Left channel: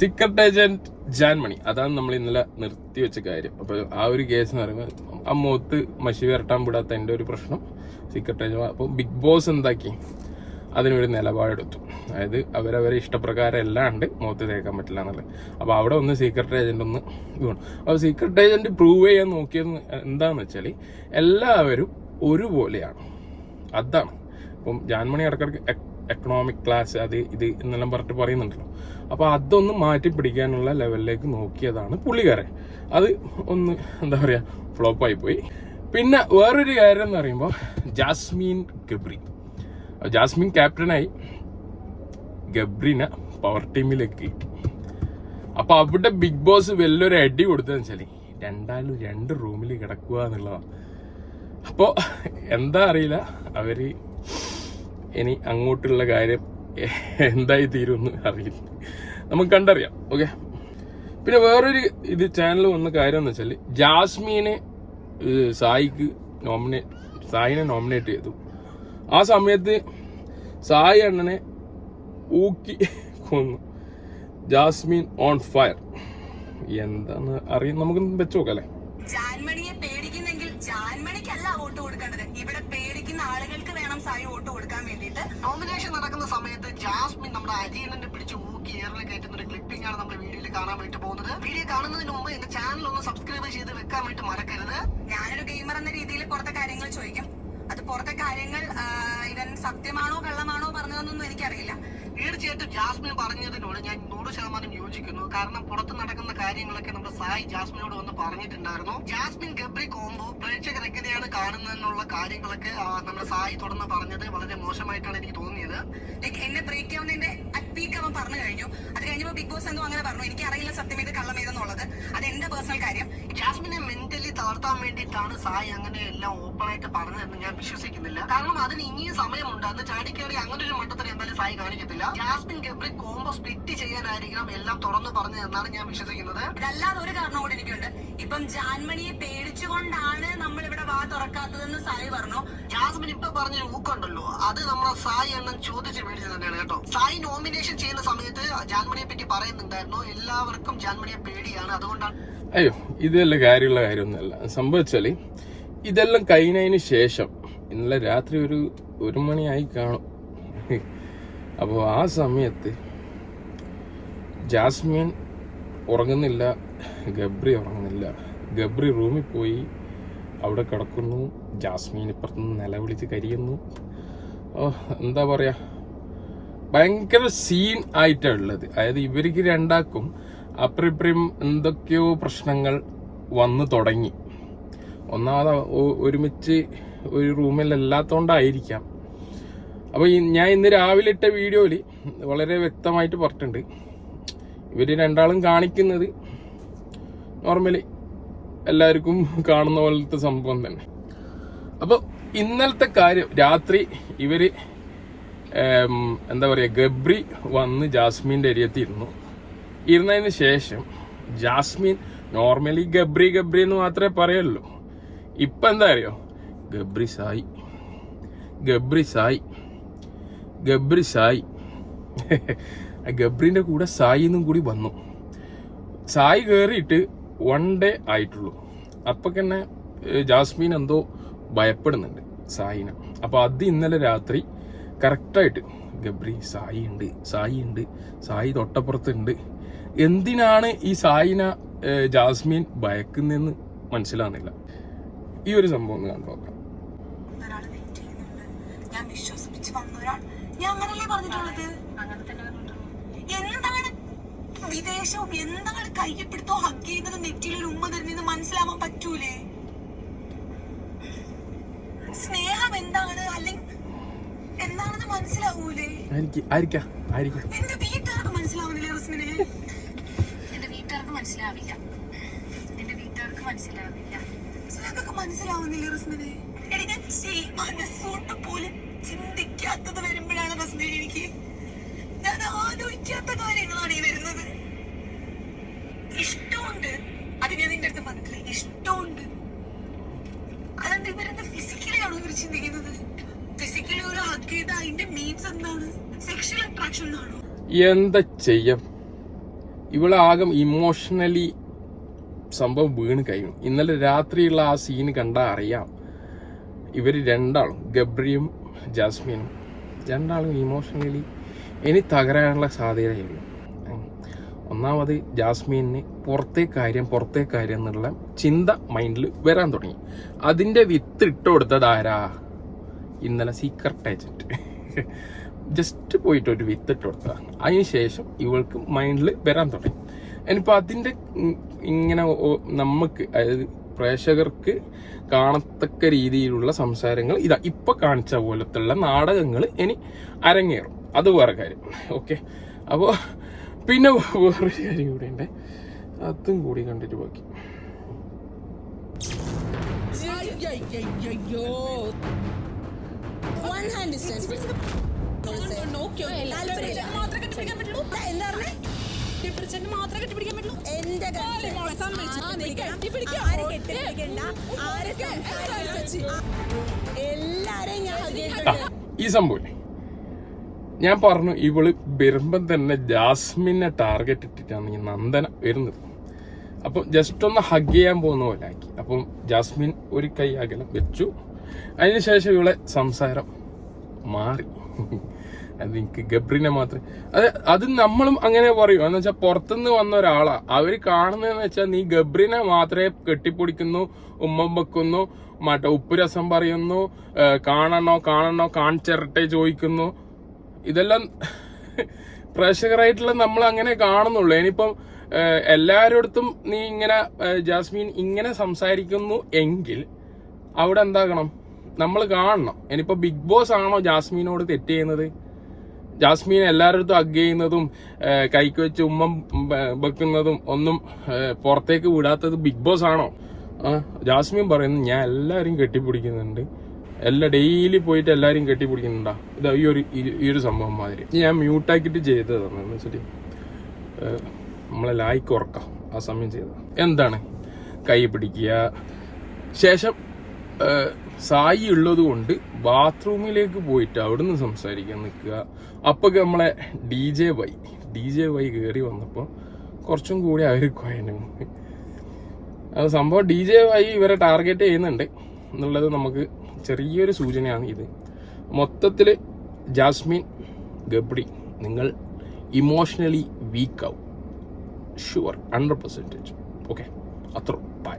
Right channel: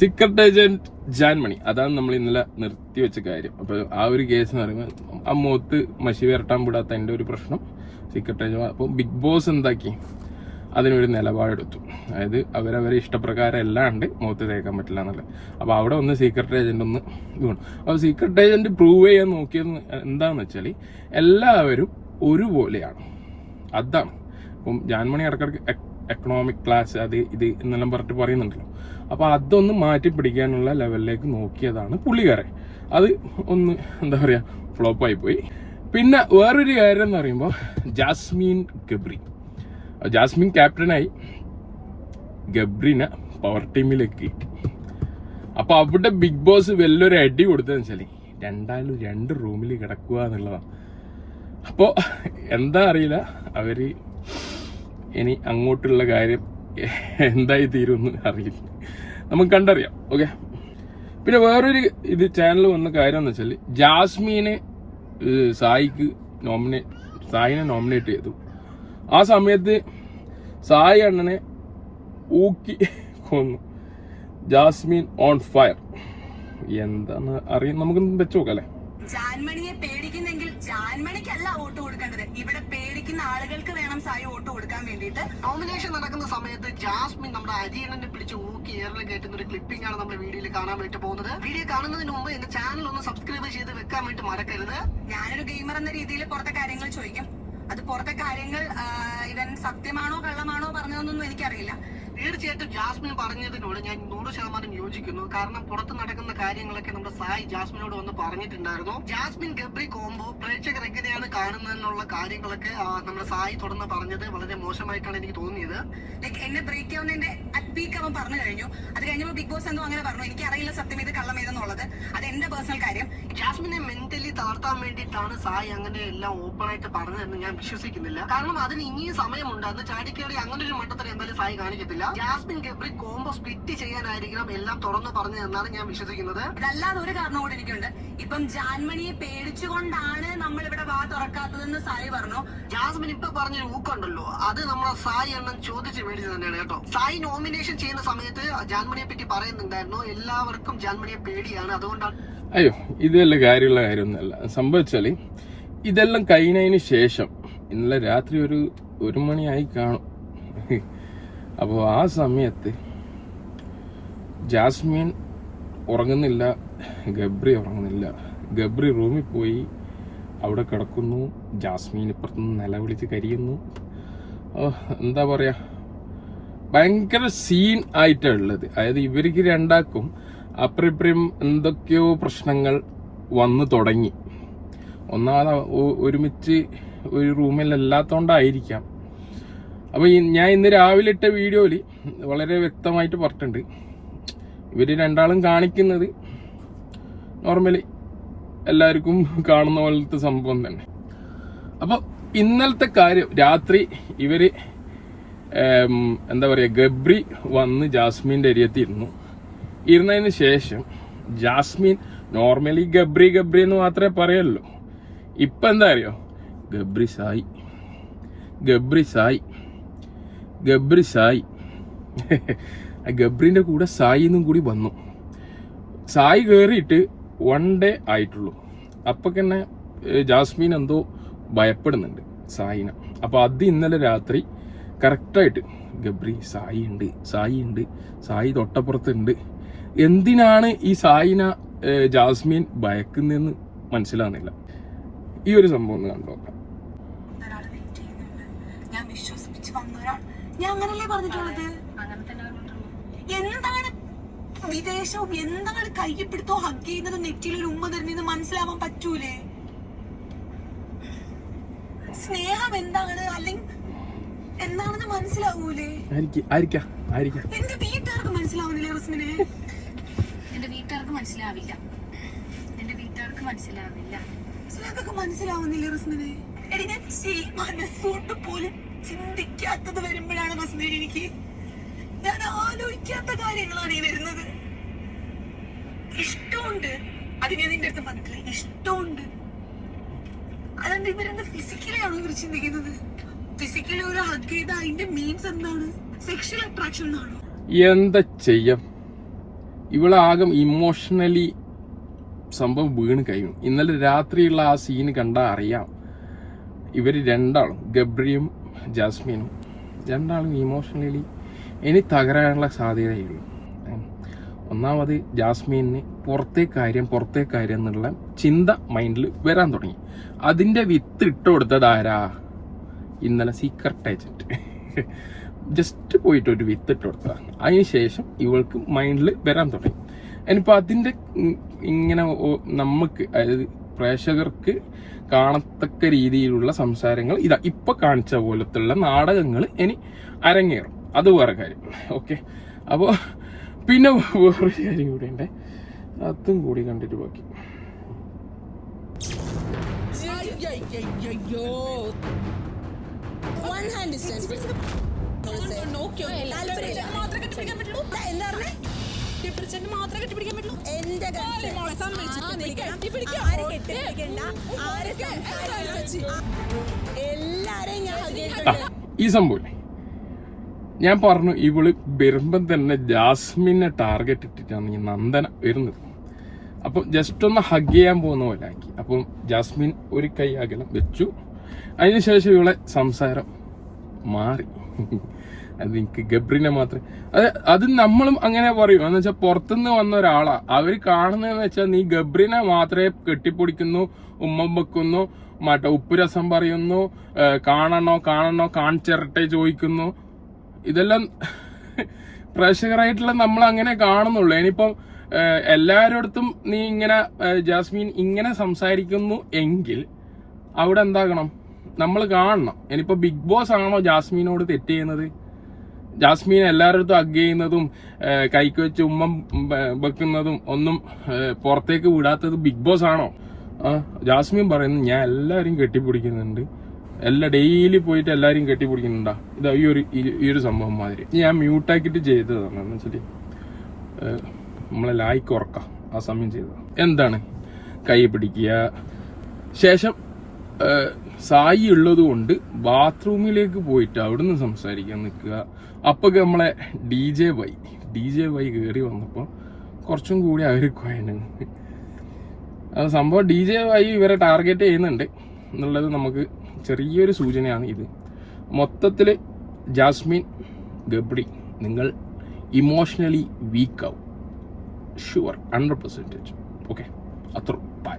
Secret agent Jaanmoni അതാണ് നമ്മൾ ഇന്നലെ നിർത്തി വെച്ച കാര്യം. അപ്പൊ ആ ഒരു കേസ് എന്ന് പറയുമ്പോൾ മുഖത്ത് മഷി വരട്ടാൻ വിടാത്ത എന്റെ ഒരു പ്രശ്നം. സീക്രട്ട് ഏജന്റ് അപ്പൊ ബിഗ് ബോസ് എന്താക്കി? അതിനൊരു നിലപാടെടുത്തു. അതായത് അവരവരെ ഇഷ്ടപ്രകാരം അല്ലാണ്ട് മുഖത്ത് തേക്കാൻ പറ്റില്ല എന്നുള്ളത്. അപ്പോൾ അവിടെ ഒന്ന് സീക്രട്ട് ഏജന്റ് ഒന്ന് വേണം അപ്പോൾ സീക്രട്ട് ഏജന്റ് പ്രൂവ് ചെയ്യാൻ നോക്കിയത് എന്താന്ന് വെച്ചാൽ എല്ലാവരും ഒരുപോലെയാണ്. അതാണ്. ഇപ്പം ജാൻമണി ഇടക്കിടക്ക് എക്കണോമിക് ക്ലാസ് അത് ഇത് എന്നെല്ലാം പറഞ്ഞിട്ട് പറയുന്നുണ്ടല്ലോ. അപ്പോൾ അതൊന്ന് മാറ്റി പിടിക്കാനുള്ള ലെവലിലേക്ക് നോക്കിയതാണ് പുള്ളിക്കാരെ അത് ഒന്ന് എന്താ പറയാ ഫ്ലോപ്പ് ആയി പോയി. പിന്നെ വേറൊരു കാര്യം എന്ന് പറയുമ്പോൾ ജാസ്മീൻ ഗബ്രി. ജാസ്മിൻ ക്യാപ്റ്റനായി ഗബ്രിനെ പവർ ടീമിലേക്ക് കിട്ടി. അപ്പൊ അവിടെ ബിഗ് ബോസ് വലിയൊരു അടി കൊടുത്തതെന്ന് വെച്ചാൽ രണ്ടാലും രണ്ട് റൂമിൽ കിടക്കുക എന്നുള്ളതാണ് അപ്പോ എന്താ അറിയില്ല അവർ ഇനി അങ്ങോട്ടുള്ള കാര്യം എന്തായി തീരുമെന്ന് അറിയില്ല. നമുക്ക് കണ്ടറിയാം ഓക്കെ പിന്നെ വേറൊരു ഇത് ചാനൽ വന്ന കാര്യം എന്ന് വെച്ചാൽ ജാസ്മീനെ സായിക്ക് നോമിനേറ്റ് സായിനെ നോമിനേറ്റ് ചെയ്തു. ആ സമയത്ത് സായി അണ്ണനെ ഊക്കി കൊന്നു. ജാസ്മിൻ ഓൺ ഫയർ എന്താണ് അറിയാം നമുക്ക് വെച്ച് നോക്കാം അല്ലേ? ജാൻമണിയെ പേടിക്കുന്നെങ്കിൽ ജാൻമണിക്കല്ല വോട്ട് കൊടുക്കേണ്ടത്. ഇവിടെ പേടിക്കുന്ന ആളുകൾക്ക് വേണം സായി വോട്ട് കൊടുക്കാൻ വേണ്ടിയിട്ട്. നോമിനേഷൻ നടക്കുന്ന സമയത്ത് ജാസ്മിൻ നമ്മുടെ അരിയണ്ണനെ പിടിച്ച് ഊക്കി ഏറെ കയറ്റുന്ന ഒരു ക്ലിപ്പിംഗ് ആണ് നമ്മുടെ വീഡിയോയിൽ കാണാൻ വേണ്ടി പോകുന്നത്. വീഡിയോ കാണുന്നതിന് മുമ്പ് എന്റെ ചാനൽ ഒന്ന് സബ്സ്ക്രൈബ് ചെയ്ത് വെക്കാൻ വേണ്ടി മറക്കരുത്. ഞാനൊരു ഗെയിമർ എന്ന രീതിയിൽ പുറത്തെ കാര്യങ്ങൾ ചോദിക്കും. അത് പുറത്തെ കാര്യങ്ങൾ ഇവൻ സത്യമാണോ കള്ളമാണോ പറഞ്ഞതെന്നൊന്നും എനിക്കറിയില്ല. തീർച്ചയായിട്ടും ജാസ്മിൻ പറഞ്ഞതിനോട് ഞാൻ നൂറ് ശതമാനം യോജിക്കുന്നു. കാരണം പുറത്ത് നടക്കുന്ന കാര്യങ്ങളൊക്കെ നമ്മുടെ സായി ജാസ്മിനോട് വന്ന് പറഞ്ഞിട്ടുണ്ടായിരുന്നു. ജാസ്മിൻ ഗബ്രി കോംബോ പ്രേക്ഷകർ എങ്ങനെയാണ് കാണുന്നതെന്നുള്ള കാര്യങ്ങളൊക്കെ നമ്മുടെ സായി തുടർന്ന് പറഞ്ഞത് വളരെ മോശമായിട്ടാണ് എനിക്ക് തോന്നിയത്. എന്നെ ബ്രേക്ക് ആവുന്നതിന്റെ പീക്ക് അവൻ പറഞ്ഞു കഴിഞ്ഞു. അത് കഴിഞ്ഞപ്പോൾ ബിഗ് ബോസ് എന്തോ അങ്ങനെ പറഞ്ഞു. എനിക്ക് അറിയില്ല സത്യം ഇത് കള്ളം ഏതെന്നുള്ളത്. അത് എന്റെ പേഴ്സണൽ കാര്യം. ജാസ്മിനെ മെന്റലി താഴ്ത്താൻ വേണ്ടിയിട്ടാണ് സായി അങ്ങനെ എല്ലാം ഓപ്പൺ ആയിട്ട് പറഞ്ഞതെന്ന് ഞാൻ വിശ്വസിക്കുന്നില്ല. കാരണം അതിന് ഇനിയും സമയമുണ്ട്. അന്ന് ചാടിക്കേറി അങ്ങനെ ഒരു മട്ടത്തിൽ എന്തായാലും സായി കാണിക്കത്തില്ല. ജാസ്മിൻ ഗബ്രി കോംബോ സ്പ്ലിറ്റ് ചെയ്യാനായിരിക്കണം എല്ലാം തുറന്നു പറഞ്ഞു പറഞ്ഞതെന്നാണ് ഞാൻ വിശ്വസിക്കുന്നത്. ഇതല്ലാതെ ഒരു കാരണം കൂടെ എനിക്കുണ്ട്. ഇപ്പം ജാൻമണിയെ പേടിച്ചുകൊണ്ടാണ് നമ്മൾ ഇവിടെ വാ തുറക്കാത്തതെന്ന് സായി പറഞ്ഞു. ജാസ്മിൻ ഇപ്പൊ പറഞ്ഞൊരു ഊക്കുണ്ടല്ലോ അത് നമ്മളെ സായി എണ്ണം ചോദിച്ച് മേടിച്ചു തന്നെയാണ് കേട്ടോ. സായി നോമിനേഷൻ ചെയ്യുന്ന സമയത്ത് ജാൻമണിയെ പറ്റി പറയുന്നുണ്ടായിരുന്നു? എല്ലാവർക്കും ജാൻമണിയെ പേടിയാണ്. അതുകൊണ്ടാണ് അയ്യോ ഇതല്ല കാര്യമുള്ള കാര്യമൊന്നുമല്ല. സംഭവിച്ചാൽ ഇതെല്ലാം കഴിഞ്ഞതിന് ശേഷം ഇന്നലെ രാത്രി ഒരു ഒരു മണിയായി കാണും. അപ്പോൾ ആ സമയത്ത് ജാസ്മിൻ ഉറങ്ങുന്നില്ല ഗബ്രി ഉറങ്ങുന്നില്ല. ഗബ്രി റൂമിൽ പോയി അവിടെ കിടക്കുന്നു ജാസ്മിൻ ഇപ്പുറത്തുനിന്ന് നിലവിളിച്ച് കരിയുന്നു. ഓ എന്താ പറയാ? ഭയങ്കര സീൻ ആയിട്ടാണ് ഉള്ളത്. അതായത് ഇവർക്ക് രണ്ടാക്കും അപ്രിപ്രിയം എന്തൊക്കെയോ പ്രശ്നങ്ങൾ വന്നു തുടങ്ങി. ഒന്നാമത് ഒരുമിച്ച് ഒരു റൂമിലല്ലാത്തോണ്ടായിരിക്കാം അപ്പൊ ഈ ഞാൻ ഇന്ന് രാവിലെ ഇട്ട വീഡിയോയിൽ വളരെ വ്യക്തമായിട്ട് പറഞ്ഞിട്ടുണ്ട്. ഇവർ രണ്ടാളും കാണിക്കുന്നത് നോർമലി എല്ലാവർക്കും കാണുന്ന പോലത്തെ സംഭവം തന്നെ. അപ്പൊ ഇന്നലത്തെ കാര്യം രാത്രി ഇവർ ഏം, എന്താ പറയുക ഗബ്രി വന്ന് ജാസ്മിന്റെ ഏരിയത്തിരുന്നു ഇരുന്നതിന് ശേഷം ജാസ്മിൻ നോർമലി ഗബ്രി ഗബ്രി എന്ന് മാത്രമേ പറയുള്ളൂ ഇപ്പം എന്താ അറിയോ? ഗബ്രി സായി. ഗബ്രി സായി. ഗബ്രി സായി. ആ ഗബ്രിന്റെ കൂടെ സായി എന്നും കൂടി വന്നു. സായി കയറിയിട്ട് വൺ ഡേ ആയിട്ടുള്ളൂ. അപ്പം തന്നെ ജാസ്മിൻ എന്തോ ഭയപ്പെടുന്നുണ്ട് സായിനെ. അപ്പോൾ അത് ഇന്നലെ രാത്രി കറക്റ്റായിട്ട്. ഗബ്രി സായി ഉണ്ട് സായി ഉണ്ട് സായി തൊട്ടപ്പുറത്തുണ്ട്. എന്തിനാണ് ഈ സായിന ജാസ്മിൻ ഭയക്കുന്നതെന്ന് മനസ്സിലാകുന്നില്ല. ഈ ഒരു സംഭവം ഒന്ന് കണ്ടു നോക്കാം. സ്നേഹം എന്താണ്? അല്ലെങ്കിൽ മനസ്സിലാവൂലേ? എനിക്ക് ആയിരിക്കാം ആയിരിക്കാം. എന്റെ വീട്ടുകാർക്ക് മനസ്സിലാവുന്നില്ല റസ്മിനെ? എന്റെ വീട്ടുകാർക്ക് മനസ്സിലാവില്ല. എന്റെ വീട്ടുകാർക്ക് മനസ്സിലാവില്ല. സ്നേഹക്കൊക്കെ മനസ്സിലാവുന്നില്ല റസ്മിനെ? എടി ഞാൻ ചെയ് മനസ്സുകൊണ്ട് പോലും ചിന്തിക്കാത്തത് വരുമ്പോഴാണ് റസ്മിനെ എനിക്ക്. ഞാൻ ആലോചിക്കാത്ത കാര്യങ്ങളാണ് ഈ വരുന്നത്. ഇഷ്ടമുണ്ട്. അത് ഞാൻ നിന്റെ അടുത്ത് പറഞ്ഞിട്ടില്ല. ഇഷ്ടമുണ്ട്. അതെന്ത് ഇവരെന്താ ഫിസിക്കലി ആണോ ഇവർ ചിന്തിക്കുന്നത്? ഫിസിക്കലി ഒരു ഹഗ് ചെയ്ത അതിന്റെ മീൻസ് എന്താണ്? സെക്ഷൽ അട്രാക്ഷൻ എന്നാണോ? എന്താ ചെയ്യാം? ഇവളാകെ ഇമോഷണലി സംഭവം വീണ് കഴിയും. ഇന്നലെ രാത്രിയുള്ള ആ സീന് കണ്ടാൽ അറിയാം. ഇവർ രണ്ടാളും ഗബ്രിയും ജാസ്മിനും രണ്ടാളും ഇമോഷണലി ഇനി തകരാനുള്ള സാധ്യതയുള്ളൂ. ഒന്നാമത് ജാസ്മിന് പുറത്തെ കാര്യം പുറത്തെ കാര്യം എന്നുള്ള ചിന്ത മൈൻഡിൽ വരാൻ തുടങ്ങി. അതിന്റെ വിത്ത് ഇട്ട് കൊടുത്തത് ആരാ? ഇന്നലെ സീക്രട്ട് ഏജന്റ് ജസ്റ്റ് പോയിട്ട് ഒരു വിത്ത് ഇട്ട് കൊടുത്തതാണ് അതിനുശേഷം ഇവൾക്ക് മൈൻഡിൽ വരാൻ തുടങ്ങി. ഇനിയിപ്പോൾ അതിന്റെ ഇങ്ങനെ നമുക്ക് അതായത് പ്രേക്ഷകർക്ക് കാണത്തക്ക രീതിയിലുള്ള സംസാരങ്ങൾ ഇതാ ഇപ്പൊ കാണിച്ച പോലത്തുള്ള നാടകങ്ങൾ ഇനി അരങ്ങേറും. അത് വേറെ കാര്യം. ഓക്കെ അപ്പോൾ പിന്നെ വേറൊരു കാര്യം കൂടി ഉണ്ട്. അതും കൂടി കണ്ടിട്ട് ബാക്കി. One hand distance. ഈ സംഭവം ഞാൻ പറഞ്ഞു ഇവൾ വരുമ്പം തന്നെ ജാസ്മിനെ ടാർഗറ്റ് ഇട്ടിട്ടാണ് ഈ നന്ദന വരുന്നത്. അപ്പം ജസ്റ്റ് ഒന്ന് ഹഗ് ചെയ്യാൻ പോകുന്ന പോലെ ആക്കി അപ്പം ജാസ്മിൻ ഒരു കൈ അകലം വെച്ചു. അതിനുശേഷം ഇവളെ സംസാരം മാറി. അത് എനിക്ക് ഗബ്രിനെ മാത്രമേ അത് അത് നമ്മളും അങ്ങനെ പറയും. എന്ന് വെച്ചാൽ പുറത്തുനിന്ന് വന്ന ഒരാളാ. അവർ കാണുന്നതെന്ന് വെച്ചാൽ നീ ഗബ്രിനെ മാത്രമേ കെട്ടിപ്പൊടിക്കുന്നു ഉമ്മം വെക്കുന്നു മറ്റേ ഉപ്പ് രസം പറയുന്നു കാണണോ കാണണോ കാണിച്ചിരട്ടെ ചോദിക്കുന്നു. ഇതെല്ലാം പ്രേക്ഷകരായിട്ടുള്ള നമ്മൾ അങ്ങനെ കാണുന്നുള്ളൂ. ഇനിയിപ്പം ഏഹ്, നീ ഇങ്ങനെ ജാസ്മിൻ ഇങ്ങനെ സംസാരിക്കുന്നു എങ്കിൽ അവിടെ എന്താകണം? നമ്മൾ കാണണം. ഇനിയിപ്പോൾ ബിഗ് ബോസ് ആണോ ജാസ്മീനോട് തെറ്റ് ചെയ്യുന്നത്? ജാസ്മീൻ എല്ലാവരുടെ അഗ് ചെയ്യുന്നതും കൈക്ക് വെച്ച് ഉമ്മം വെക്കുന്നതും ഒന്നും പുറത്തേക്ക് വിടാത്തത് ബിഗ് ബോസ് ആണോ? ജാസ്മിൻ പറയുന്നു ഞാൻ എല്ലാവരും കെട്ടിപ്പിടിക്കുന്നുണ്ട്. എല്ലാ ഡെയിലി പോയിട്ട് എല്ലാവരും കെട്ടിപ്പിടിക്കുന്നുണ്ടാ. ഇത് ഈ ഒരു ഈ- ഒരു സംഭവം മാതിരി. ഞാൻ മ്യൂട്ടാക്കിയിട്ട് ചെയ്തതാണ് എന്ന് വെച്ചിട്ട് നമ്മളെ ലായ്ക്ക് ഉറക്കാം. ആ സമയം ചെയ്തത്. എന്താണ്? കൈ പിടിക്കുക. ശേഷം സായി ഉള്ളത് കൊണ്ട് ബാത്റൂമിലേക്ക് പോയിട്ട് അവിടുന്ന് സംസാരിക്കാൻ നിൽക്കുക. അപ്പൊ നമ്മളെ D J Y D J Y കയറി വന്നപ്പോൾ കുറച്ചും കൂടി അവർ കൊയനാണ് അത് സംഭവം ഡി ജെ വൈ ഇവരെ ടാർഗറ്റ് ചെയ്യുന്നുണ്ട് എന്നുള്ളത് നമുക്ക് ചെറിയൊരു സൂചനയാണ് ഇത്. മൊത്തത്തിൽ ജാസ്മിൻ ഗബ്രി നിങ്ങൾ ഇമോഷണലി വീക്കാവും ഷുവർ ഹൺഡ്രഡ് പെർസെന്റേജ് ഓക്കെ അത്ര ബൈ